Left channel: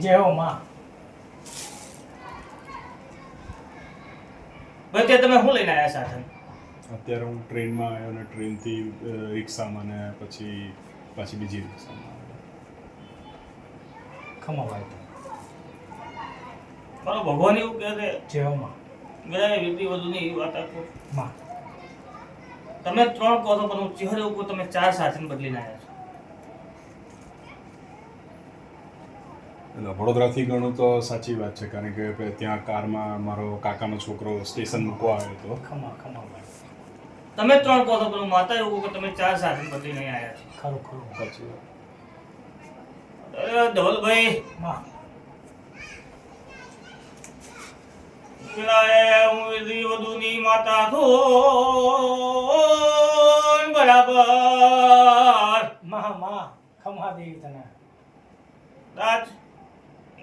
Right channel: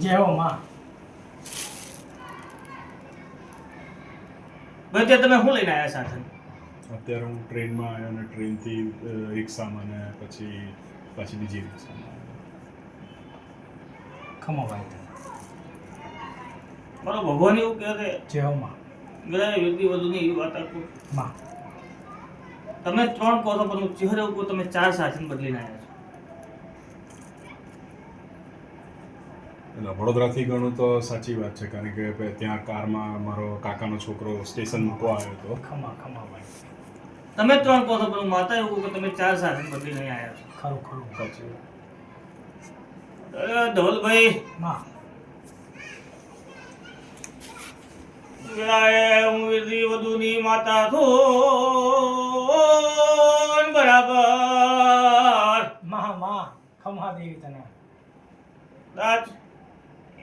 જય હો માં. ભાઈ તે તમે શું લઈને આવ્યા સાથે? અત્યારે હું ટ્રેનમાં આવ્યો અને ટ્રેનથી રિક્ષામાં ને પછી બીજી રિક્ષામાં આવ્યો. ખમા ભાઈ તમે. મારો ભગવાન એવું કહે છે જય હો માં. બધા વ્યક્તિ વધુ એવી વાત આપો. માં તમે 3 કહો છો પણ હું ચહેરો એવું કહું તમે 4 સાથે બદલીને આવ્યા છો. એટલે વડોદરાથી ગણું તો સાચી વાત છે, કારણ કે ત્યાં કારમાં મારો કાકાનો છોકરો સ્ટેશન મૂકવા આવ્યો હતો. ખમા ભાઈ. તમે 3 કહો છો પણ હું માતા એવું કહું કે તમે 4 સાથે બદલીને અહીં આવ્યા છો. ખરું સાચી વાત. અરે ધવલભાઈ માં. પેલા હું વિધિ વધુની માતા છું બરાબર. માં ખમા દેવી તને. કદાચ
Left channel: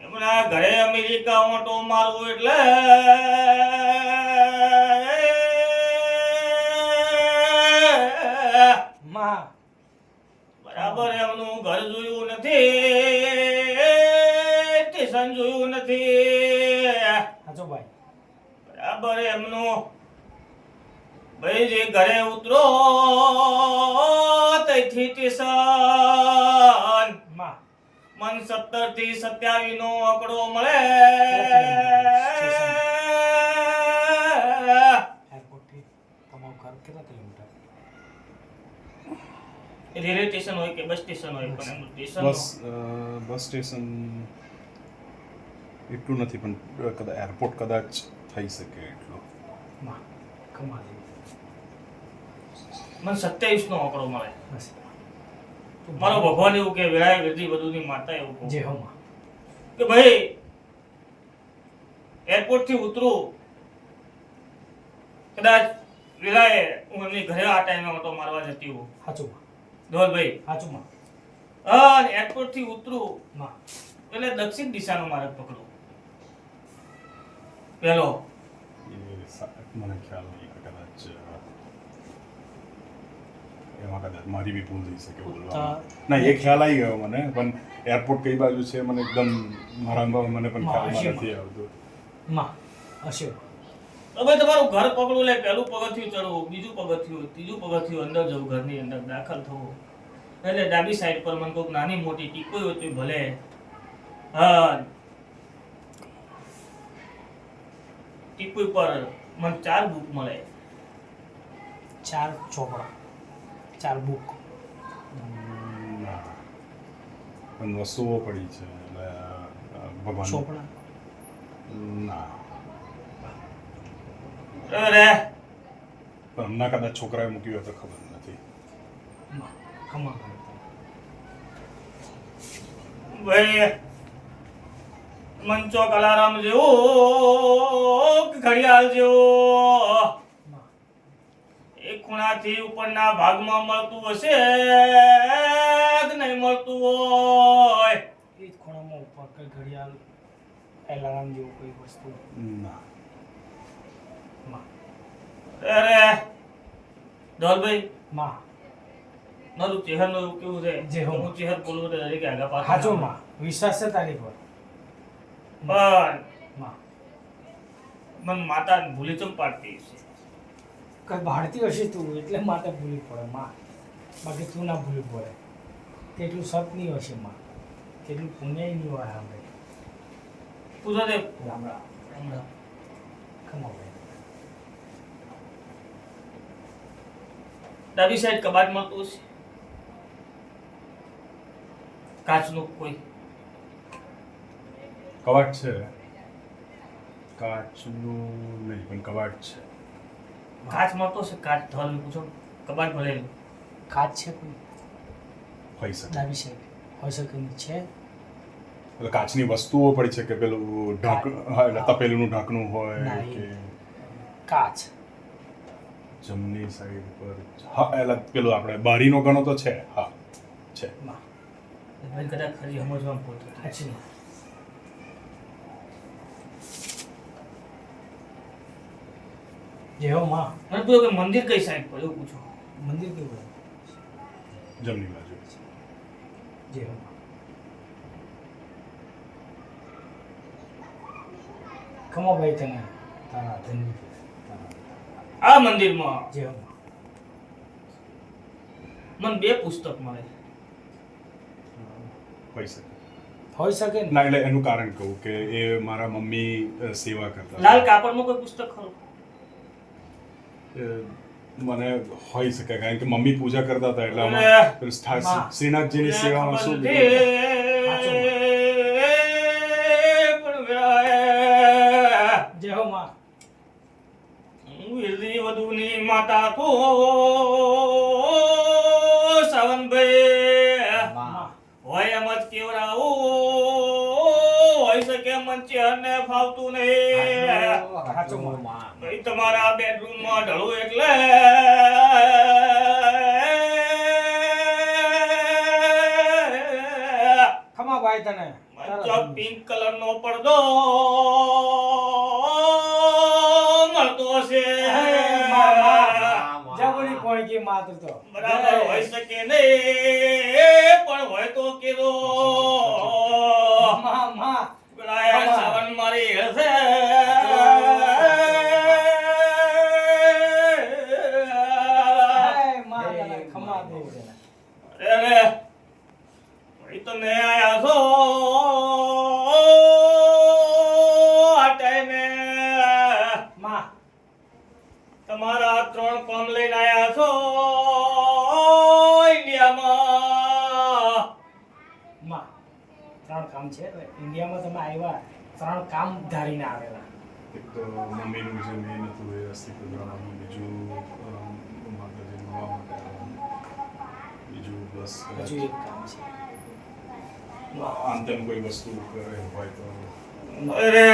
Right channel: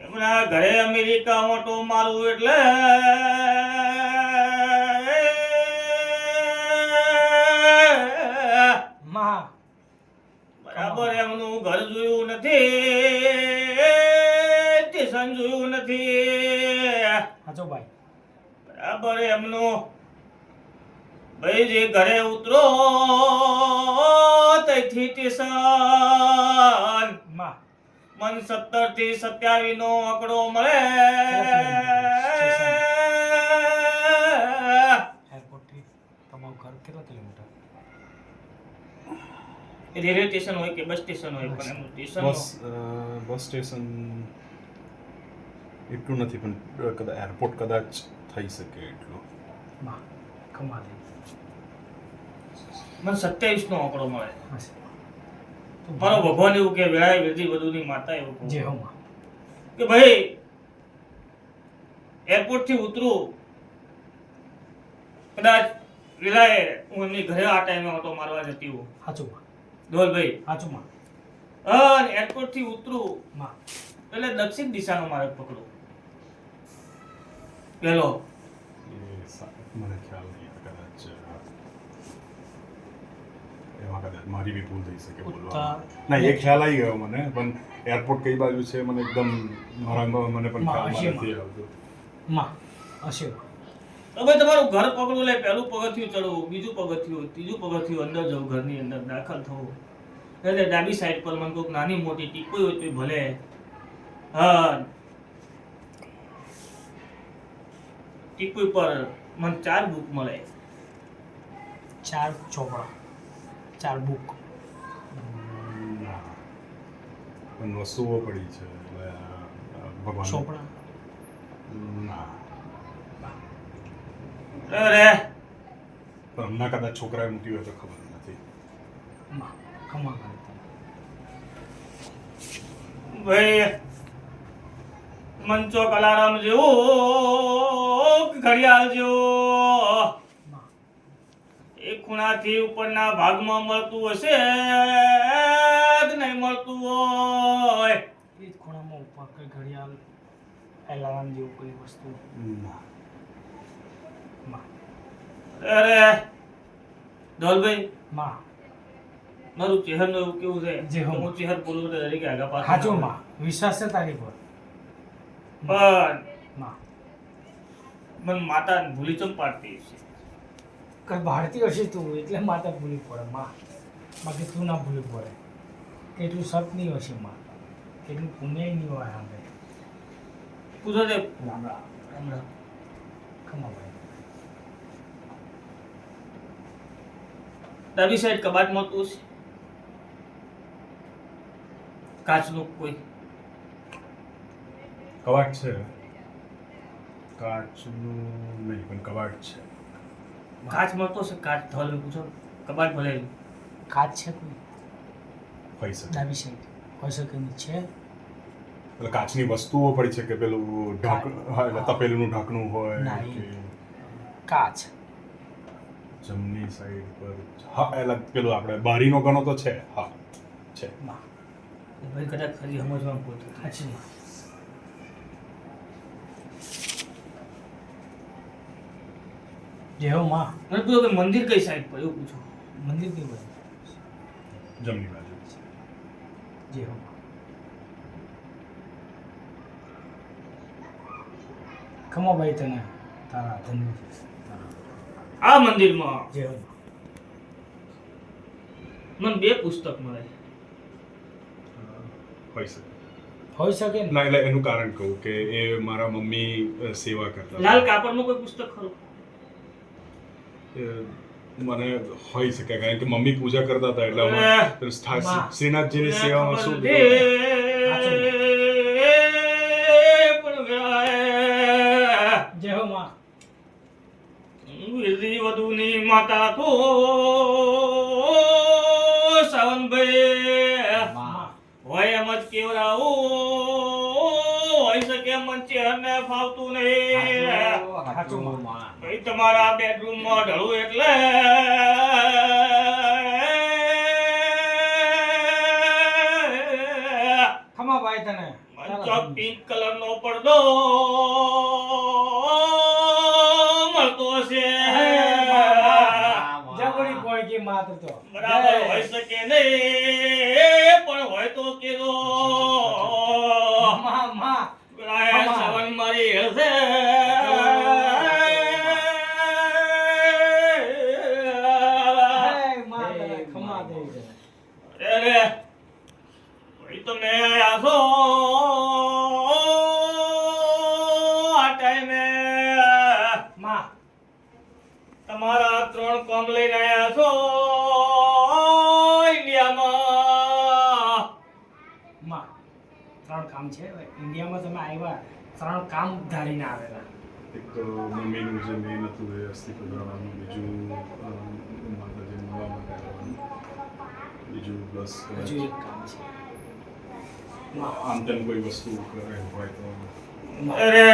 એમના ઘરે અમેરિકા મોટો મારું એટલે માં બરાબર એમનું ઘર જોયું નથી, સ્ટેશન જોયું નથી, હાચો ભાઈ. બરાબર એમનું ભાઈ જે ઘરે ઉતરો ત્યાંથી સ્ટેશન માં મન 17 થી 27 નો આંકડો મળે. એરપોર્ટથી તમારું ઘર કેટલા કિલોમીટર? રેલવે સ્ટેશન હોય કે બસ સ્ટેશન હોય પણ એમનું સ્ટેશન બસ સ્ટેશન એટલું નથી, પણ કદાચ એરપોર્ટ કદાચ થઈ શકે એટલું. માં ખમા દેવી. મને 27 નો આંકડો મળે. બસ મારો ભગવાન એવું કે વેળાએ વેધી બધુની માતા એવું કહું જય હો માં. કે ભાઈ એરપોર્ટ થી ઉતરું કદાચ વેળાએ હું એમની ઘરે આ ટાઈમે ઓટો મારવા જતી હોઉં હાચું માં. ધોલભાઈ હાચું માં. અને એરપોર્ટ થી ઉતરું માં એટલે દક્ષિણ દિશાનો માર્ગ પકડું પેલો. મને ખ્યાલ નહીં, કદાચ એમાં કદાચ મારી બી ભૂલ થઈ શકે બોલવામાં. ના, એ ખ્યાલ આવી ગયો મને, પણ એરપોર્ટ કઈ બાજુ છે મને એકદમ મને પણ ખ્યાલમાં નથી આવતું. માં હશે. તો ભાઈ તમારું ઘર પકડવું એટલે પહેલું પગથિયું ચડવું, બીજું પગથિયું, ત્રીજું પગથિયું અંદર જવું, ઘરની અંદર દાખલ થવું એટલે ડાબી સાઈડ પર મને કોઈક નાની મોટી ટીપી હોય તો ભલે. હા, ટીપી પર મને 4 બુક મળે. 4 ચોપડા, 4 બુક. ના, પણ વસ્તુઓ પડી છે એટલે ભગવાન. ચોપડા ના, અરે પણ હમણાં કદાચ છોકરાએ મૂક્યું હોય તો ખબર નથી. માં ખમા ભાઈ તને. ભાઈ મંચો અલાર્મ જેવું ઘડિયાળ જેવું માં એક ખૂણાથી ઉપરના ભાગમાં મળતું હશે કે નહીં મળતું હોય. એ જ ખૂણામાં ઉપર કઈ ઘડિયાળ એલાર્મ જેવું કોઈ વસ્તુ. ના, માં અરે ધોલભાઈ માં મારું ચહેરનું એવું કેવું છે જે હો. હું ચહેર બોલું તો દરેક આગા પાછળ હાચું માં. વિશ્વાસ છે તારી પર. પણ માં મને માતા ભૂલી ચમ પાડતી છે. કઈ બહારથી હશે તું એટલે માતા ભૂલી પડે માં. બાકી તું ના ભૂલી પડે. કેટલું સત નહીં હશે માં, કેટલું પુણ્ય નહીં હોય આપણે. પૂછો તે રામ રામ. રામ રામ. ખમા ભાઈ. ડાબી સાઈડ કબાટ મળતું હશે કાચનું કોઈ. કબાટ છે, કાચનું નહીં પણ કબાટ છે. કાચ મળતો હશે કાચ. ધોલ પૂછો કબાટ ભલે કાચ છે કોઈ હોઈ શકે. ડાબી સાઈડ હોય શકે નહીં છે. એટલે કાચની વસ્તુઓ પડી છે કે પેલું હા, એટલે તપેલુંનું ઢાંકણું હોય ના, કે કાચ. જમણી સાઈડ પર. હા, એટલે પેલું આપણે બારીનો ગણો તો છે. હા, છે. માં ભાઈ કદાચ ખરી સમજવામાં ભૂલ થઈ. હાચી માં. જય હો માં. મને પૂછો કે મંદિર કઈ સાઈડ પર એવું પૂછો. મંદિર કેવું હોય? જમણી બાજુ. જય હો માં. ખમાભાઈ તને તારા ધન્ય તારા આ મંદિરમાં જય હો માં. મને 2 પુસ્તક મળે. હોય શકે હોઈ શકે ને ના એટલે એનું કારણ કહું કે એ મારા મમ્મી સેવા કરતા લાલ કાપડમાં કોઈ પુસ્તક ખરું? મને હોઈ શકે કારણ કે મમ્મી પૂજા કરતા હતા એટલે અરે, આમાં માં. શ્રીનાથજીની સેવામાં શું મને ખબર નથી, પણ વેળાએ જય હો માં. વિધિ વધુની માતા તો સાવનભાઈ માં. હોય એમ જ કેવડાવો હોય શકે મંચે અને ફાવતું નહીં. સાચું માં. ભાઈ તમારા બેડરૂમમાં ઢળું એટલે ખમાભાઈ તને મંચો પિંક કલરનો પડદો મળતો હશે. જબરી કોણકી માત્ર તો બરાબર હોય શકે નહીં, પણ હોય તો કેરો માં માં ગળાએ સાવન મારી હશે. હે માં તને ખમા દેવી તને. અરે ભાઈ તમે આયા છો આ ટાઈમે, માં તમારા 3 કામ લઈને આયા છો ઇન્ડિયામાં. માં 3 કામ છે હવે. ઇન્ડિયામાં તમે આવ્યા 3 કામ ધારીને આવેલા. એક તો મમ્મીનું જે મેઇન હતું એ અસ્થિ પ્રદાનનું, બીજું માતાજી મળવા માટે આવવાનું, બીજું પ્લસ હજુ એક કામ છે આમ તેમ કોઈ વસ્તુ કરે હોય તો માં. અરે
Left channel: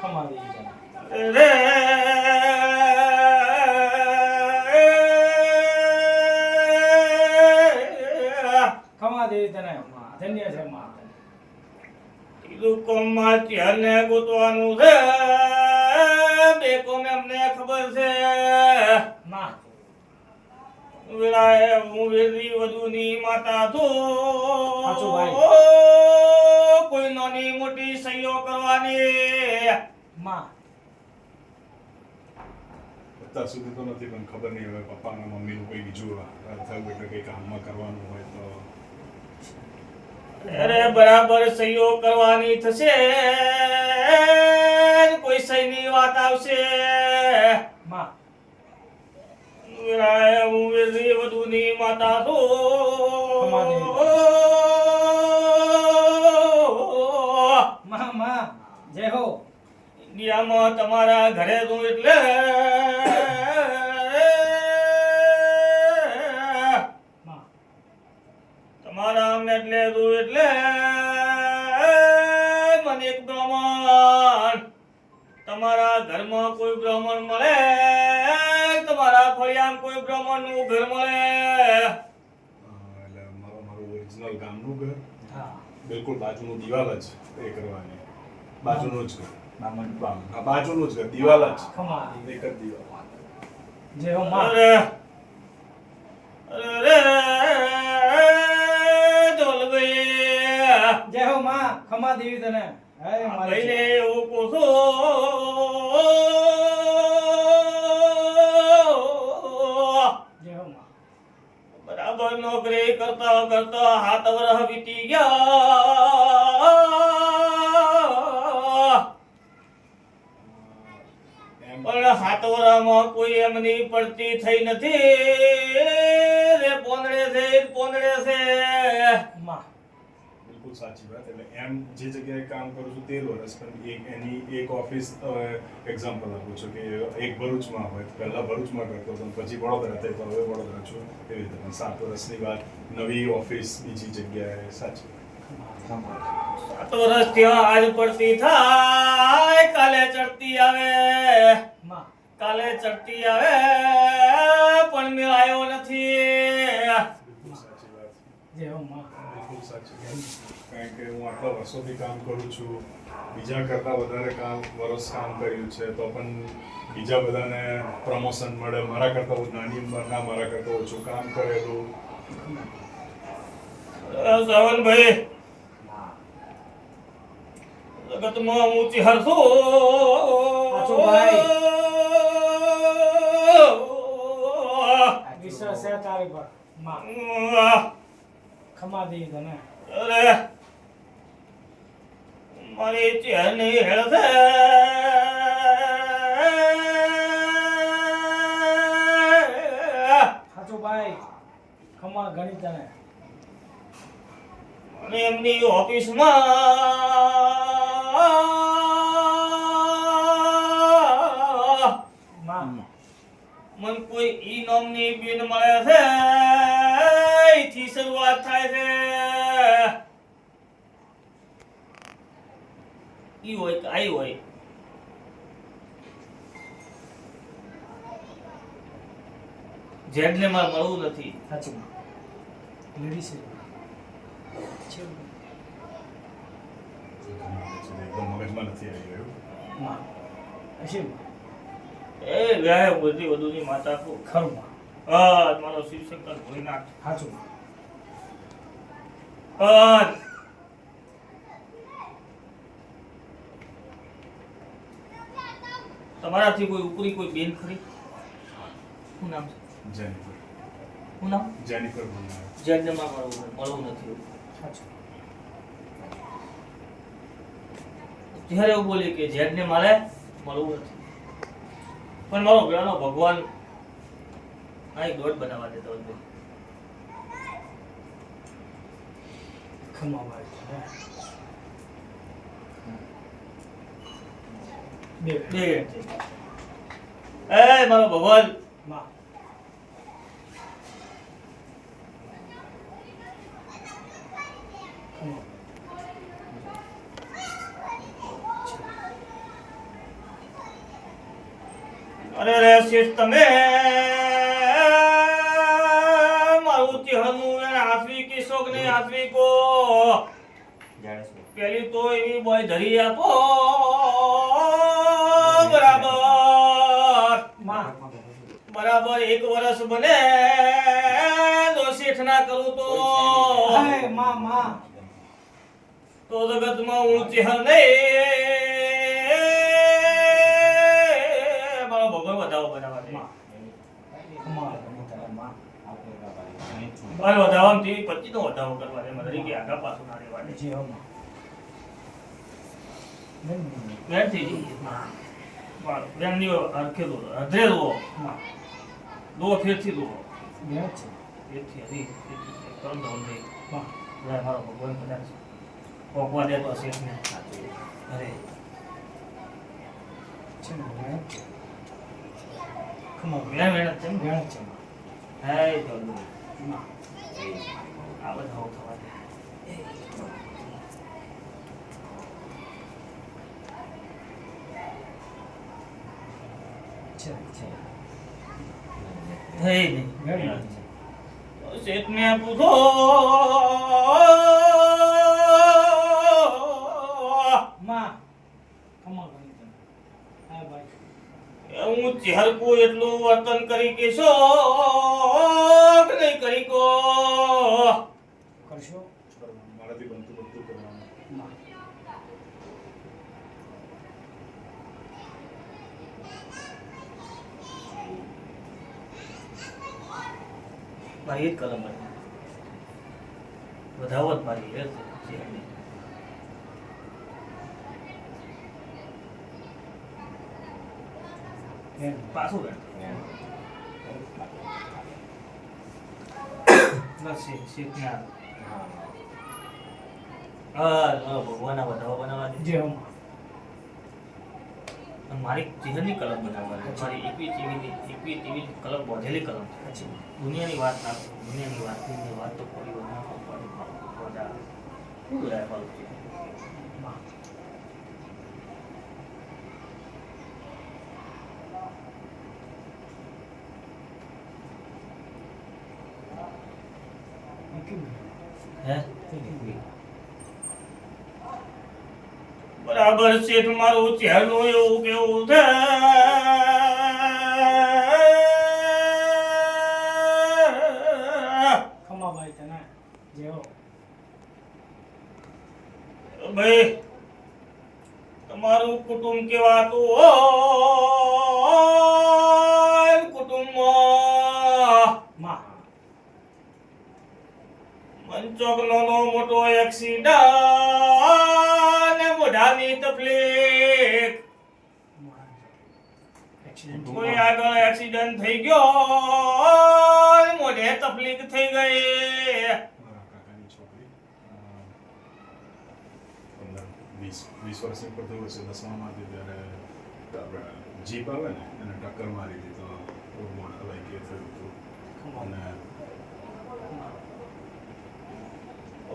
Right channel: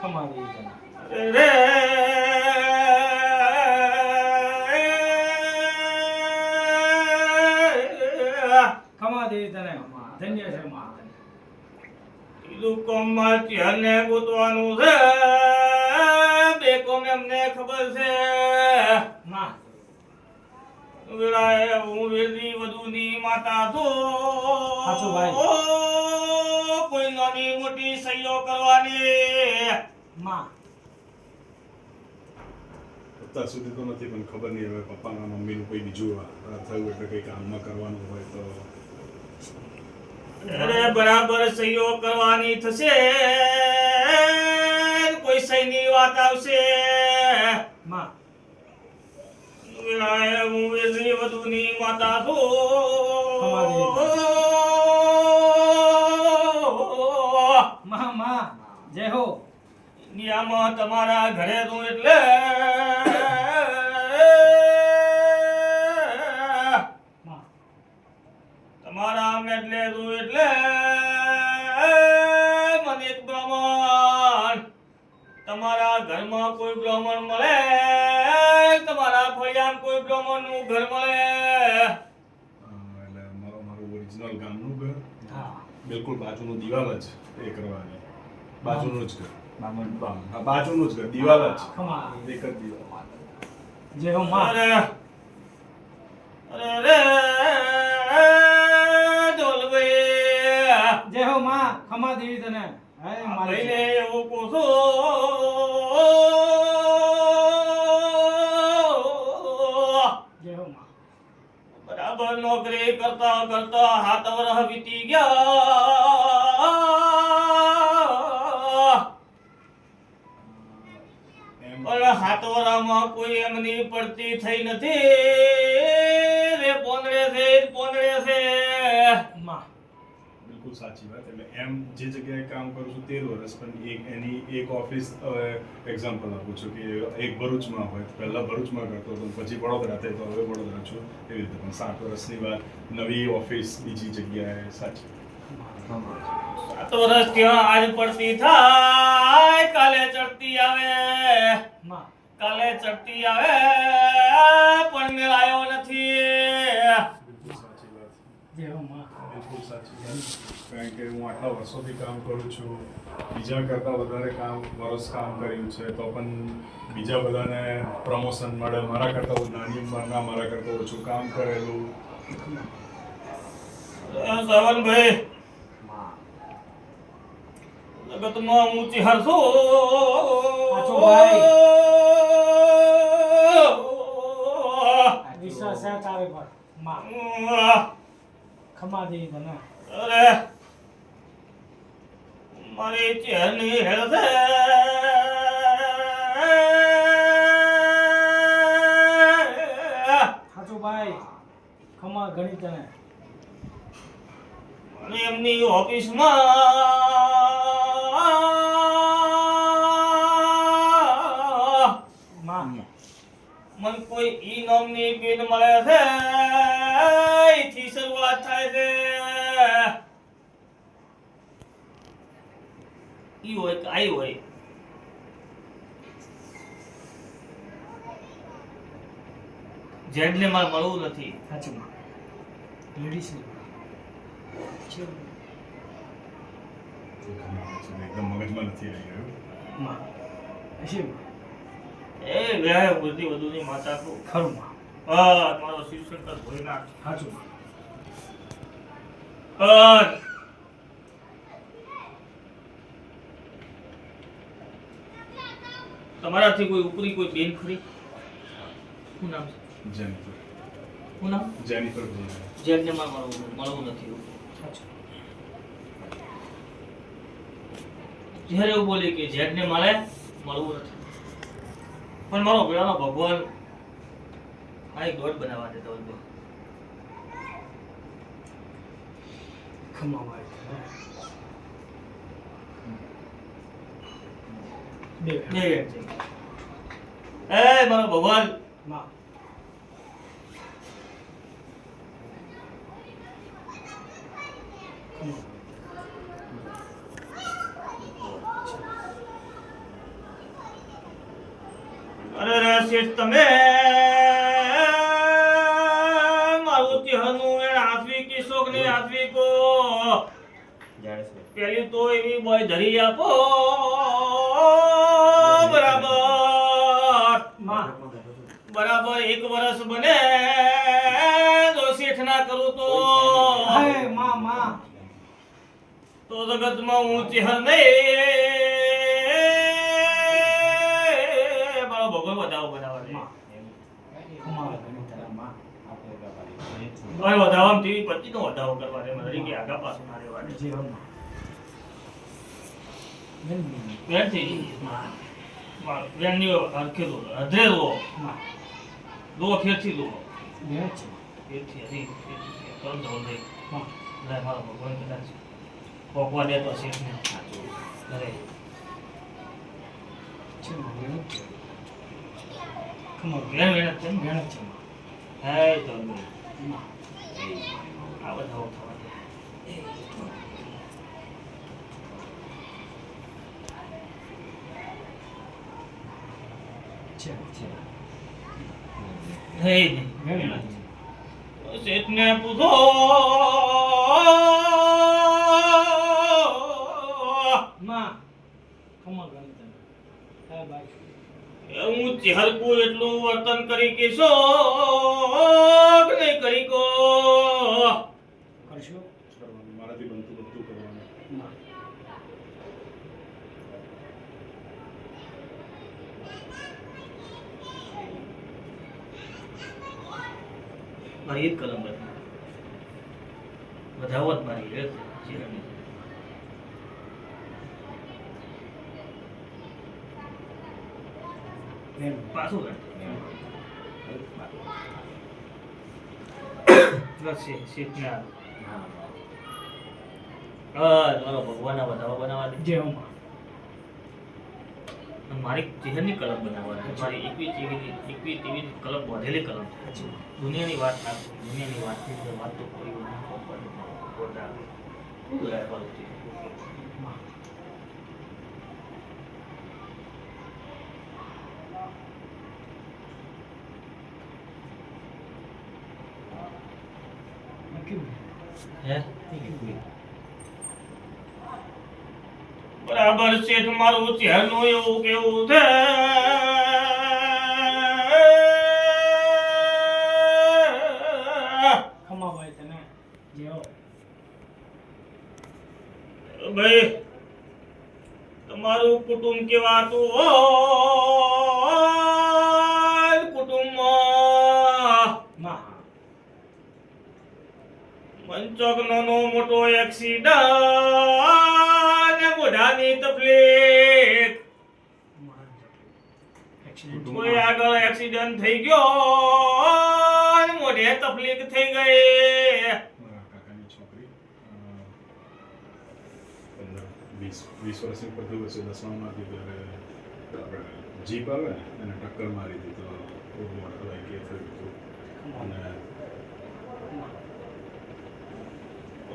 ખમા દેવી તને. રે ખમા દેવી તને માં. ધન્ય છે માં. કીધું કોમમાં ત્યારને ગોતવાનું છે, 2 કોમ એમને ખબર છે. માં વેળાએ હું વેલની વધુની માતા સાચું છું. ભાઈ. કોઈ નાની મોટી સહીઓ કરવાની. માં અત્યાર સુધી તો નથી પણ ખબર નહીં હવે પપ્પાના મમ્મીનું કોઈ બીજું થયું એટલે કંઈ કામમાં કરવાનું હોય તો અરે બરાબર સહીઓ કરવાની થશે, કોઈ સહીની વાત આવશે. માં વેળાએ હું વેલની વધુની માતા છું. માં માં જય હો. ઇન્ડિયામાં તમારા ઘરે છું એટલે માં તમારા મેટલે છું એટલે મને એક બ્રાહ્મણ, તમારા ઘરમાં કોઈ બ્રાહ્મણ મળે, તમારા ફળિયામાં કોઈ બ્રાહ્મણનું ઘર મળે. એટલે મારું ઓરિજિનલ ગામનું ઘર હા બિલકુલ બાજુનું દિવાલ જ એ કરવાની, બાજુનું જ ઘર હા બાજુનું જ ઘર, દિવાલ જ ખમા એક જ દિવાલ. જય હો માં. અરે અરે ઢોલભાઈ, જય હો માં. ખમા દેવી તને. હે મારી ભાઈને એવું કહું છું, જય હો માં. બરાબર નોકરી કરતા કરતા 7 વર્ષ વીતી ગયા, એમ પણ 7 વર્ષમાં કોઈ એમની પડતી થઈ નથી. રે પોંદડે છે માં બિલકુલ સાચી વાત. એટલે એમ જે જગ્યાએ કામ કરું છું 13 વર્ષ, પણ એની એક ઓફિસ એક્ઝામ્પલ આપું છું કે એક ભરૂચમાં હોય તો પહેલાં ભરૂચમાં કરતો હતો અને પછી વડોદરા થઈ તો હવે વડોદરા છું, એવી રીતે. પણ 7 વર્ષની વાત નવી ઓફિસ બીજી જગ્યાએ સાચી. 7 વર્ષ ત્યાં આજ પડતી થાય, કાલે ચડતી આવે, માં કાલે ચડતી આવે, પણ મેળાયો નથી. બિલકુલ સાચી વાત, જય હો માં. બિલકુલ સાચી વાત. કારણ કે હું આટલા વર્ષોથી કામ કરું છું, બીજા કરતાં વધારે વર્ષ કામ કર્યું છે, તો પણ બીજા બધાને પ્રમોશન મળે, મારા કરતાં નાની ઉંમરના, મારા કરતાં ઓછું કામ કરેલું. સાવનભાઈ, જગતમાં ઊંચી હરસો પાછો ભાઈ. વિશ્વાસ છે તારી પર માં ખમા દે તને અરે મારી ચહેરની હેળવે સાચું ભાઈ ખમા ઘણી તને અને એમની ઓફિસમાં માં મને કોઈ ઈ નામની બેન મળે છે એથી શરૂઆત થાય છે ઈ હોય કે આઈ હોય જેડને મારે મળવું નથી સાચું માં લેડીઝ છે એકદમ મગજમાં નથી આવી ગયું માં હશે એ વ્યાય બધી વધુની માતા કો ખરું માં હા મારો શિવશંકર ભોઈ નાખ સાચું માં પણ તમારાથી કોઈ ઉપરી કોઈ બેન ખરી શું નામ છે જેનિફર શું નામ જેનિફર બોલાવે. જેડને માં મળવું નથી સાચું જ્યારે એવું બોલી કે જેડને મારે મળવું નથી પણ મારો ગળાનો ભગવાન આ એક દોડ બનાવવા દેતો હતો ખમા ભાઈ બે બે મિનિટ થઈ ગઈ. એ મારો ભગવાન માં ખમા અરે રે શેઠ તમે મારું ચહેરું એ હાથવી કે શોક ને હાથવી કો પેલી તો એવી બોય ધરી આપો બરાબર માં બરાબર 1 વર્ષ બને તો શેઠ ના કરું તો હે માં માં તો જગતમાં હું ચહેર નહીં મારો ભગવાન વધાવો બનાવવા દે ખમા ઘણી તને માં મારે વધાવામાં તેવી પતિનો વધાવો કરવા દે મને કે આગા પાછું ના રહેવા દે જે હો માં નહીં વેરથી માં વેરની અરખે દો અધરે દો માં દો ફેરથી દો બે છે ફેરથી હરી ત્રણ દો દે માં લે મારો ભગવાન કદાચ પોકવા દે તો શેઠને અરે છે ને બે છે ખમા વેણ વેણ છે ને બે છે માં હે તો માં આ વધાવો થવા દે છે છે હે નહીં વેણ શેઠને પૂછો માં ખમા ઘણી તને હા ભાઈ હું ચહેરકું એટલું વર્તન કરી કે શોખ નહીં કરી કો કરશો કરવાનું. મારાથી બનતું બધું કરવાનું. માં મારી એક કલમ બની વધાવો જ મારી એ ચહેરની. વેણ પાછું વેણ. બસ શેઠને આ. હા મારો ભગવાનના વધાવો બનાવવા દે જે હો માં અને મારી ચહેરની કલમ બનાવવાની મારી એકવી તેવી કલમ બાંધેલી કલમ સાચું માં દુનિયાની વાત ના કરો. દુનિયાની વાત તો કોઈ ના પપ્પાની ખોટા શું રાખવાનું છે માં કેવું હે બરાબર શેઠ મારું ચહેરનું એવું કેવું છે ખમા ભાઈ તને જે હો ભાઈ તમારું કુટુંબ કેવાતું હોય કુટુંબમાં માં પંચોક નાનો મોટો એક્સિડન્ટ મોઢાની તકલીફ એક્સિડન્ટ કોઈ આગળ એક્સિડન્ટ થઈ ગયો મોઢે તકલીફ થઈ ગઈ મારા કાકાની છોકરી 15-20 વર્ષની ઉપર થયું હશે, 10માં હતી ત્યારે આપણે જીપ આવે ને એને ટક્કર મારી હતી, તો બહુ મોટા લાગી કે થયું હતું. અને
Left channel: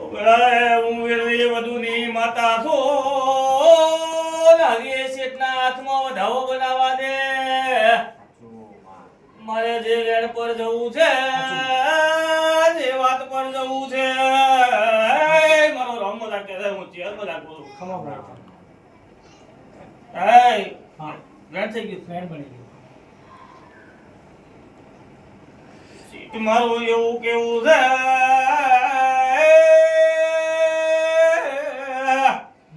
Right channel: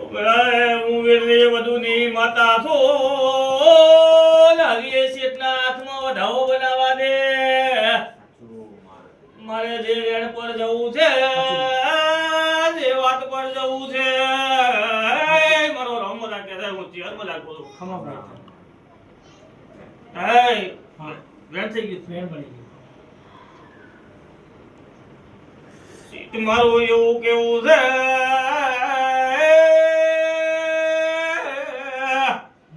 ઓગળાય હું વીરલી વધુની માતા છો નારીએ શેઠના હાથમાં વધાવો બનાવવા દે મારે જે રેડ પર જવું છે જે વાત પર જવું છે મારો રામ લાગે છે હું ચેર મલાક બોલું ખમા ભાઈ હે હા રેડ થઈ ગયું ફ્રેન્ડ બની ગયું સીટ મારું એવું કેવું છે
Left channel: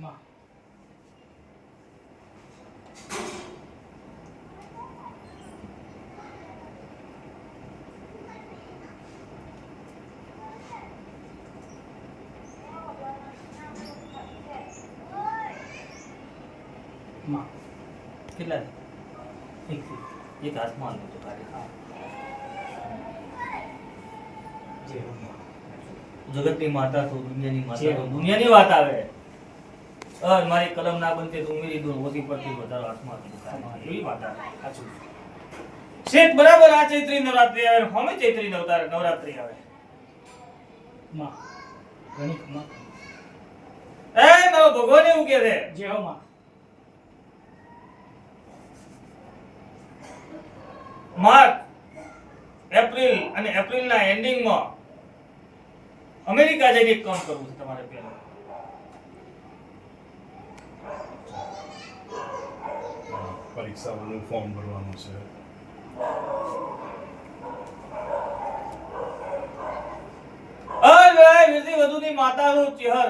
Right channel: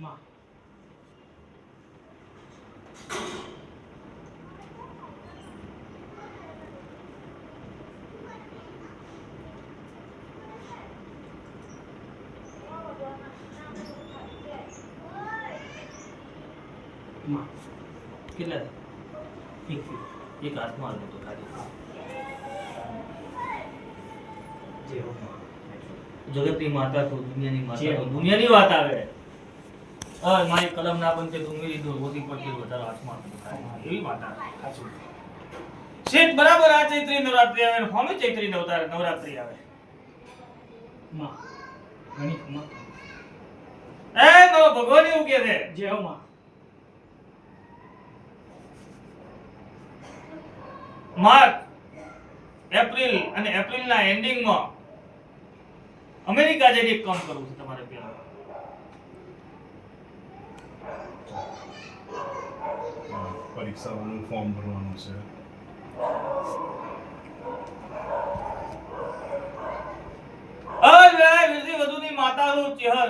માં માં કેટલા એક થી એક હાથમાં આલે તો કાઢી જે હો માં જગતની માતા તો દુનિયાની માતા છે. તો દુનિયાની વાત આવે મારી કલમ ના બનતે તો ઉમેરી દો ઓછી પડતી વધારો હાથમાં આપી દો. એવી માતા સાચું શેઠ બરાબર આ ચૈત્રી નવરાત્રી આવે હોમે ચૈત્રી નવરાત્રી આવે માં ઘણી ખમા એ મારો ભગવાન એવું કહે છે જે હો માં માર્ચ એપ્રિલ અને એપ્રિલના એન્ડિંગમાં અમેરિકા જઈને એક કામ કરવું છે તમારે પહેલા પરીક્ષાઓનું ફોર્મ ભરવાનું છે. અરે વિધિ વધુની માતાનું ચહેર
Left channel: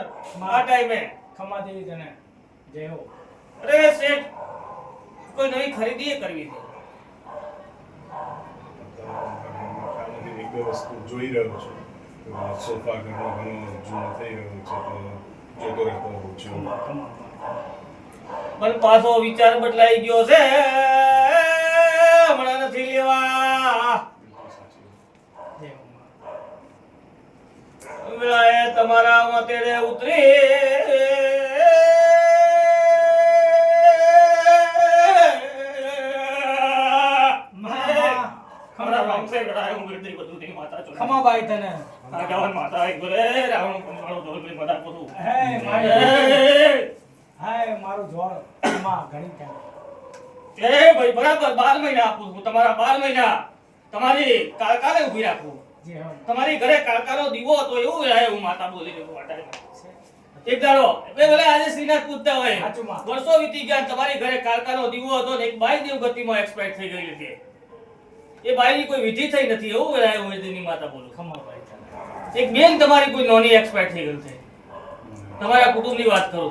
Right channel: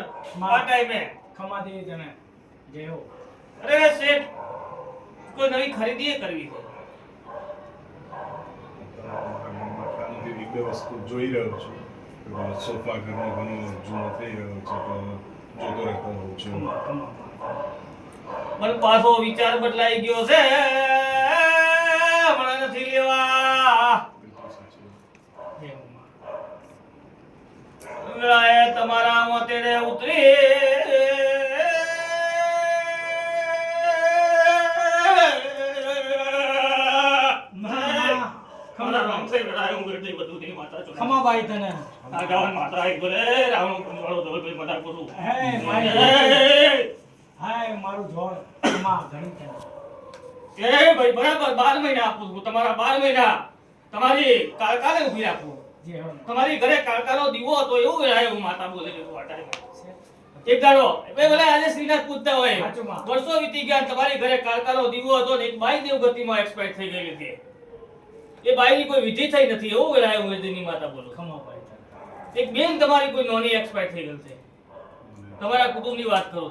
આ ટાઈમે ખમા દેવી તને જે હો અરે શેઠ કોઈ નવી ખરીદી કરવી છે ખાલી એક બે વસ્તુ જોઈ રહ્યો છું. સોફા ઘરનો ઘણો જૂનો થઈ રહ્યો છે, તો જોતો રહેતો હોઉં છું. ખમા માં પણ પાછો વિચાર બદલાઈ ગયો છે હમણાં નથી લેવા બિલકુલ સાચી વાત. જે હો માં અંગળાએ તમારા મતેડે ઉતરી ખમા રામસે ગળાએ ઉંગરતી બધું ની માતા છો ખમા બાઈ તને આ ગાવન માતા એક બોલે રાવણ કુંવાળો ધોલભાઈ મદાર કરું હે મારી હાય મારું જોડ ખમા ઘણી તને એ ભાઈ બરાબર 12 મહિના આપું છું તમારા 12 મહિના તમારી કાળકાને ઊભી રાખું જે હો તમારી ઘરે કાળકાનો દીવો હતો એવું રહે હું માતા બોલી રહ્યો વાટાને એક દાડો એ ભલે આજે શ્રીનાથ પૂજતા હોય સાચું માં. વર્ષો વીતી ગયા તમારી ઘરે કાળકાનો દીવો હતો ને એક બાઈ દેવગતિમાં એક્સપાયર થઈ ગઈ હતી એ બાઈની કોઈ વિધિ થઈ નથી એવું રહે હું એની માતા બોલું ખમા બાઈ તને એક બેન તમારી કોઈ નોની એક્સપાયર થઈ ગઈ છે તમારા કુટુંબની વાત કરું